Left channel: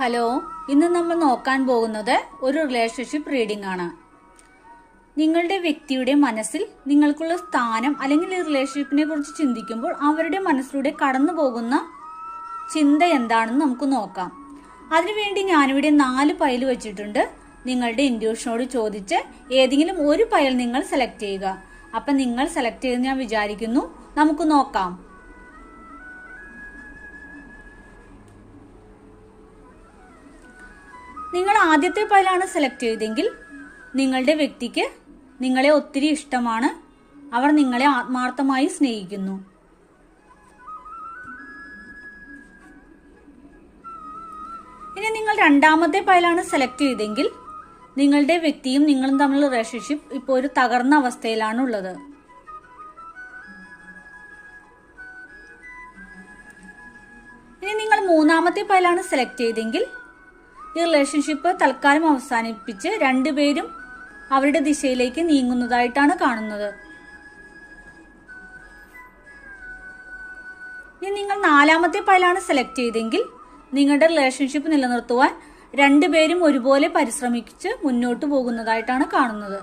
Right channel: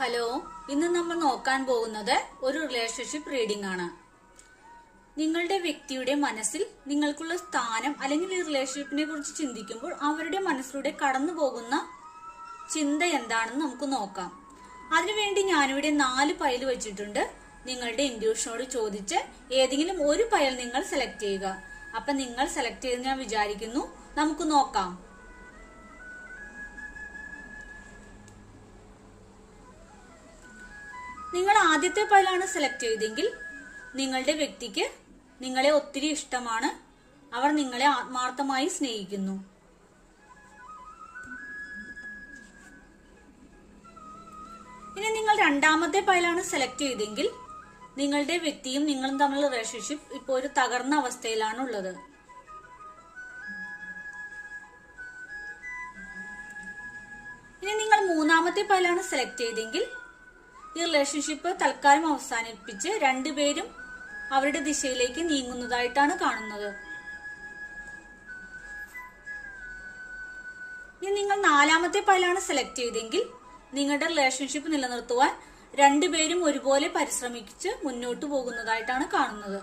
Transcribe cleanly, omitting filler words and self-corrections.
Hello, ഇന്ന് നമ്മൾ നോക്കാൻ പോകുന്നത് ഒരു റിലേഷൻഷിപ്പ് റീഡിംഗ് ആണ്. നിങ്ങളുടെ വ്യക്തിയുടെ മനസ്സിൽ നിങ്ങൾക്കുള്ള സ്ഥാനം അല്ലെങ്കിൽ ഈ റിലേഷൻഷിപ്പിനെ കുറിച്ച് ചിന്തിക്കുമ്പോൾ അവരുടെ മനസ്സിലൂടെ കടന്നു പോകുന്ന ചിന്ത എന്താണെന്ന് നമുക്ക് നോക്കാം. അതിനുവേണ്ടി ഞാനിവിടെ 4 പൈൽ വെച്ചിട്ടുണ്ട്. നിങ്ങളുടെ ഇൻഡ്യൂഷനോട് ചോദിച്ച് ഏതെങ്കിലും ഒരു പൈൽ നിങ്ങൾ സെലക്ട് ചെയ്യുക. അപ്പൊ നിങ്ങൾ സെലക്ട് ചെയ്ത് ഞാൻ വിചാരിക്കുന്നു. നമുക്ക് നോക്കാം. നിങ്ങൾ ആദ്യത്തെ പൈലാണ് സെലക്ട് ചെയ്തെങ്കിൽ നിങ്ങളുടെ വ്യക്തിക്ക് നിങ്ങളെ ഒത്തിരി ഇഷ്ടമാണ്. അവർ നിങ്ങളെ ആത്മാർത്ഥമായി സ്നേഹിക്കുന്നു. ഇനി നിങ്ങൾ രണ്ടാമത്തെ പൈലാണ് സെലക്ട് ചെയ്തെങ്കിൽ നിങ്ങളുടെ വ്യക്തിയും നിങ്ങളും തമ്മിലുള്ള റിലേഷൻഷിപ്പ് ഇപ്പോൾ ഒരു തകർന്ന അവസ്ഥയിലാണ് ഉള്ളത്. ഇനി നിങ്ങൾ മൂന്നാമത്തെ പൈലാണ് സെലക്ട് ചെയ്തെങ്കിൽ ഈ റിലേഷൻഷിപ്പ് തൽക്കാലം അവസാനിപ്പിച്ച് രണ്ടുപേരും അവരുടെ ദിശയിലേക്ക് നീങ്ങുന്നതായിട്ടാണ് കാണുന്നത്. ഇനി നിങ്ങൾ നാലാമത്തെ പൈലാണ് സെലക്ട് ചെയ്തെങ്കിൽ നിങ്ങളുടെ റിലേഷൻഷിപ്പ് നിലനിർത്തുവാൻ രണ്ടുപേരും ഒരുപോലെ പരിശ്രമിച്ച് മുന്നോട്ട് പോകുന്നതായിട്ടാണ് കാണുന്നത്.